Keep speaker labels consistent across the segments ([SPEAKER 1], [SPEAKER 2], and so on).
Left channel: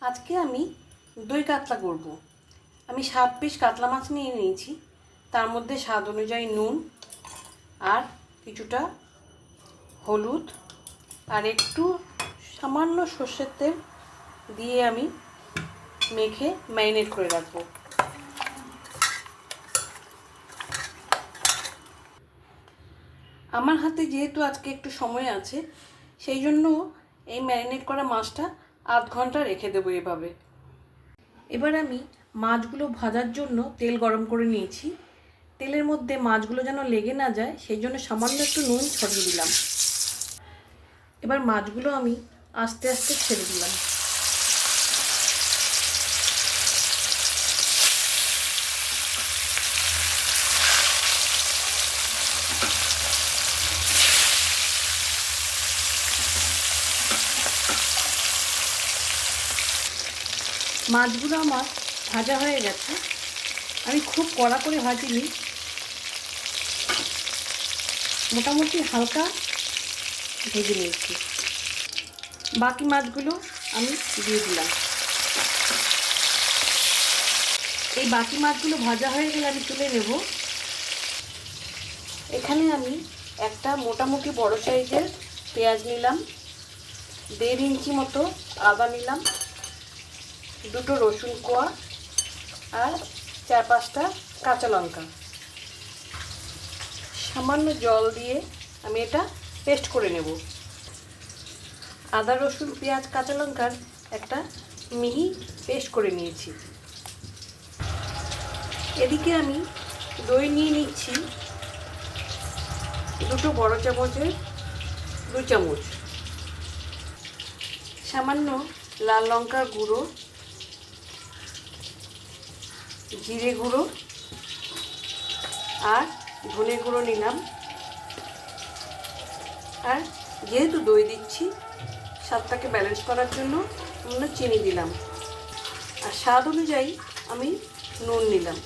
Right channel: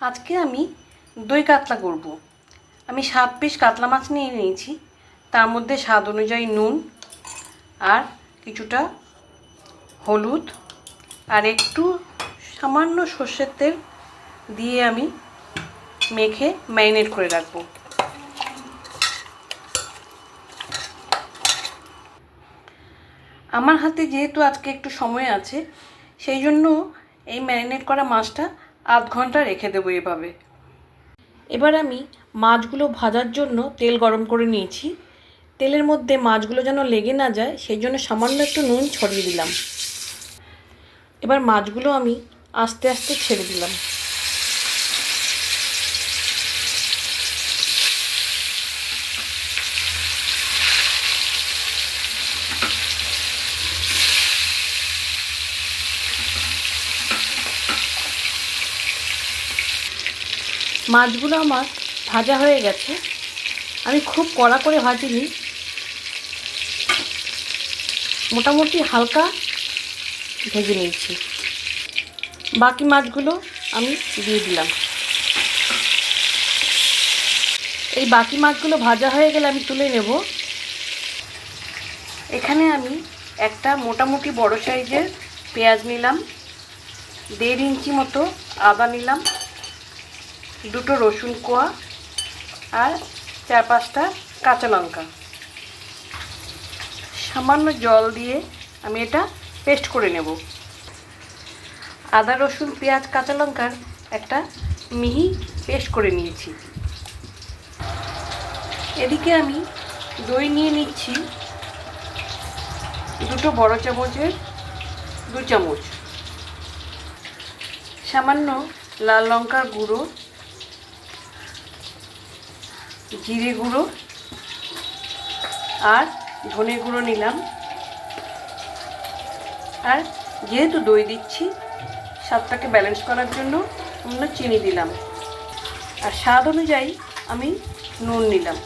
[SPEAKER 1] আজকে আমি দই কাতলা করব। আমি সাত পিস কাতলা মাছ নিয়ে নিয়েছি। তার মধ্যে স্বাদ অনুযায়ী নুন আর কিছুটা হলুদ আর একটু সামান্য সর্ষের তেল দিয়ে আমি মেখে ম্যারিনেট করে রাখব। আমার হাতে যেহেতু আজকে একটু সময় আছে, সেই জন্য এই ম্যারিনেট করা মাছটা আধ ঘণ্টা রেখে দেবো এভাবে। এবার আমি মাছগুলো ভাজার জন্য তেল গরম করে নিয়েছি। তেলের মধ্যে মাছগুলো যেন লেগে না যায়, সেই জন্য সামান্য একটু নুন ছড়িয়ে দিলাম। এবার মাছগুলো আমি আস্তে আস্তে ছেড়ে দিলাম। মাছগুলো আমার ভাজা হয়ে গেছে। আমি খুব কড়া করে ভাজিনি। মোটামুটি হালকা ভেজে নিয়েছি। বাকি মাছগুলো আমি দিয়ে দিলাম। এই বাকি মাছগুলো ভাজা হয়ে গেলে আমি তুলে নেব। এখানে আমি একটা মোটামুটি বড় সাইজের পেঁয়াজ নিলাম। দেড় ইঞ্চি মতো আদা নিলাম। দুটো রসুন কোয়া আর চার পাঁচটা কাঁচা লঙ্কা। সামান্য জল দিয়ে আমি এটা পেস্ট করে নেব। আদা, রসুন, পেঁয়াজ, কাঁচা লঙ্কার একটা মিহি পেস্ট করে নিয়েছি। এদিকে আমি দই নিয়ে নিচ্ছি দুটো বড় চামচের দু চামচ। সামান্য লাল লঙ্কার গুঁড়ো জিরে গুঁড়ো আর ধনে গুঁড়ো নিলাম। আর যেহেতু দই দিচ্ছি, স্বাদটাকে ব্যালেন্স করার জন্য আমরা চিনি দিলাম। আর স্বাদ অনুযায়ী আমি নুন নিলাম।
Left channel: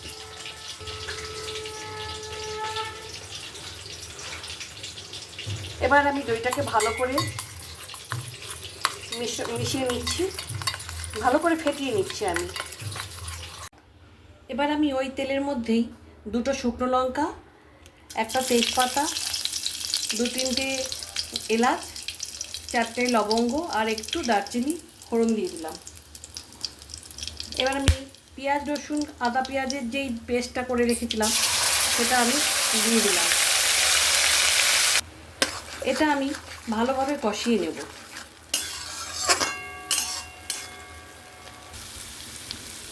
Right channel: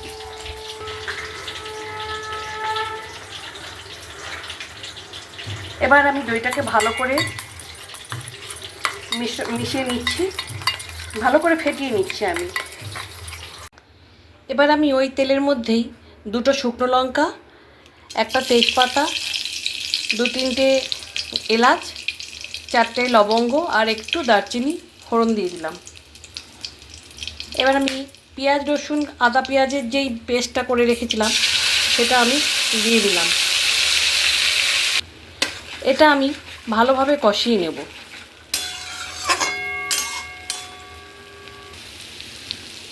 [SPEAKER 1] এবার আমি দইটাকে ভালো করে মিশিয়ে নিচ্ছি। ভালো করে ফেটিয়ে নিচ্ছি আমি। এবার আমি ওই তেলের মধ্যেই দুটো শুকনো লঙ্কা, একটা তেজপাতা, দু তিনটে এলাচ, চারটে লবঙ্গ আর একটু দারচিনি, ফোড়ন দিয়ে দিলাম। এবার আমি পেঁয়াজ, রসুন, আদা পেঁয়াজের যেই পেস্টটা করে রেখেছিলাম, সেটা আমি দিয়ে দিলাম। এটা আমি ভালোভাবে কষিয়ে নেব।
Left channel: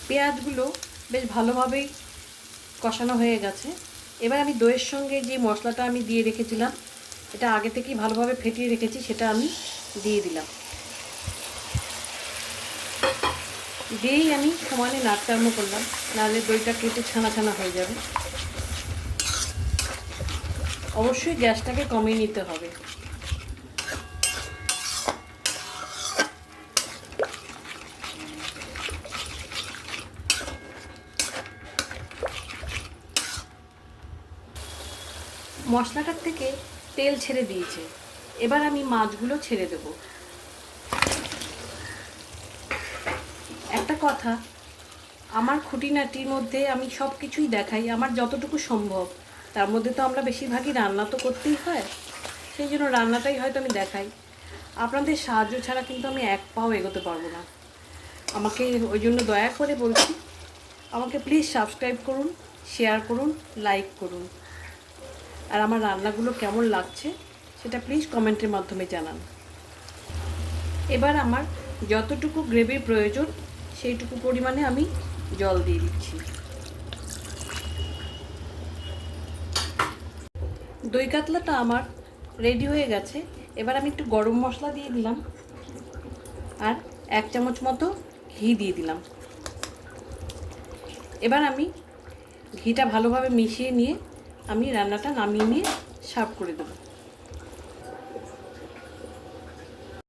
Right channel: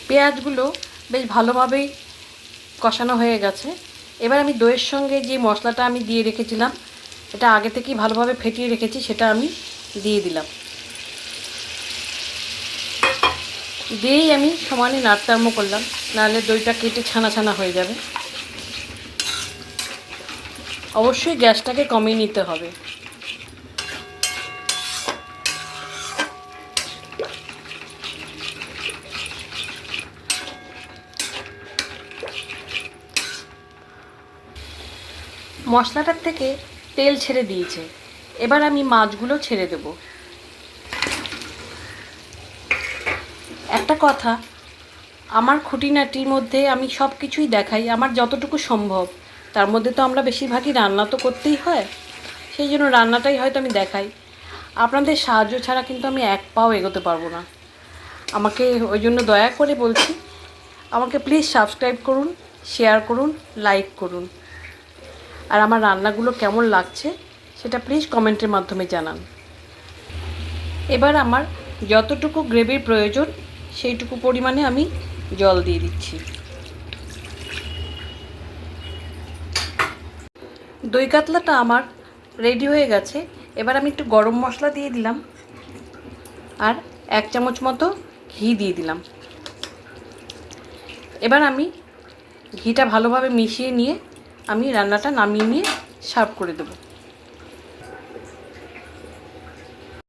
[SPEAKER 1] পেঁয়াজগুলো বেশ ভালোভাবেই কষানো হয়ে গেছে। এবার আমি দইয়ের সঙ্গে যে মশলাটা আমি দিয়ে রেখেছিলাম, এটা আগে থেকেই ভালোভাবে ফেটিয়ে রেখেছি, সেটা আমি দিয়ে দিলাম। দিয়েই আমি সমানে নাড়তে করলাম, নাহলে দইটা কেটে ছানা ছানা হয়ে যাবে। অবশ্যই গ্যাসটাকে কমিয়ে নিতে হবে। মশলাটার থেকে তেল ছেড়ে দিয়েছে। এবার আমি মাছগুলো ছেড়ে দেব। একটা কথা, আমার খুঁটিনাটির মধ্যে আমি সব কিছুই দেখাই, আমার যতটুকু সম্ভব। তার মধ্যে তো আমরা বেশিরভাগই রান্না তো করতেই হয়। সেই জন্য রান্নাটাই হয়তো আমি দেখাই। আপনাদের সাহায্য ছাড়া কিন্তু আমি এক পাও এগোতে পারব না। আমাকে ওই জন্য দয়া করে বলছি, আমাকে প্লিজ সাবস্ক্রাইব করুন শেয়ার করুন লাইক করুন। আর আমার রান্নাগুলো কেমন লাগছে সেটা প্লিজ কমেন্টের মাধ্যমে জানান। এবার আমার যতটুকু গ্রেভির প্রয়োজন সেইটুকু পরিমাণে আমি জল দিয়ে দিচ্ছি। দই কাতলাটা আমার রেডি হয়ে গেছে। এবার আমি একটু গরম মশলা দিয়ে দিলাম আর এক চামচ মতো ঘি দিয়ে দিলাম। এবার আমি ঘিটা ভালোভাবে মিশিয়ে নিয়ে আমি রান্নাটা নামিয়ে নিয়ে সার্ভ করে দেবো।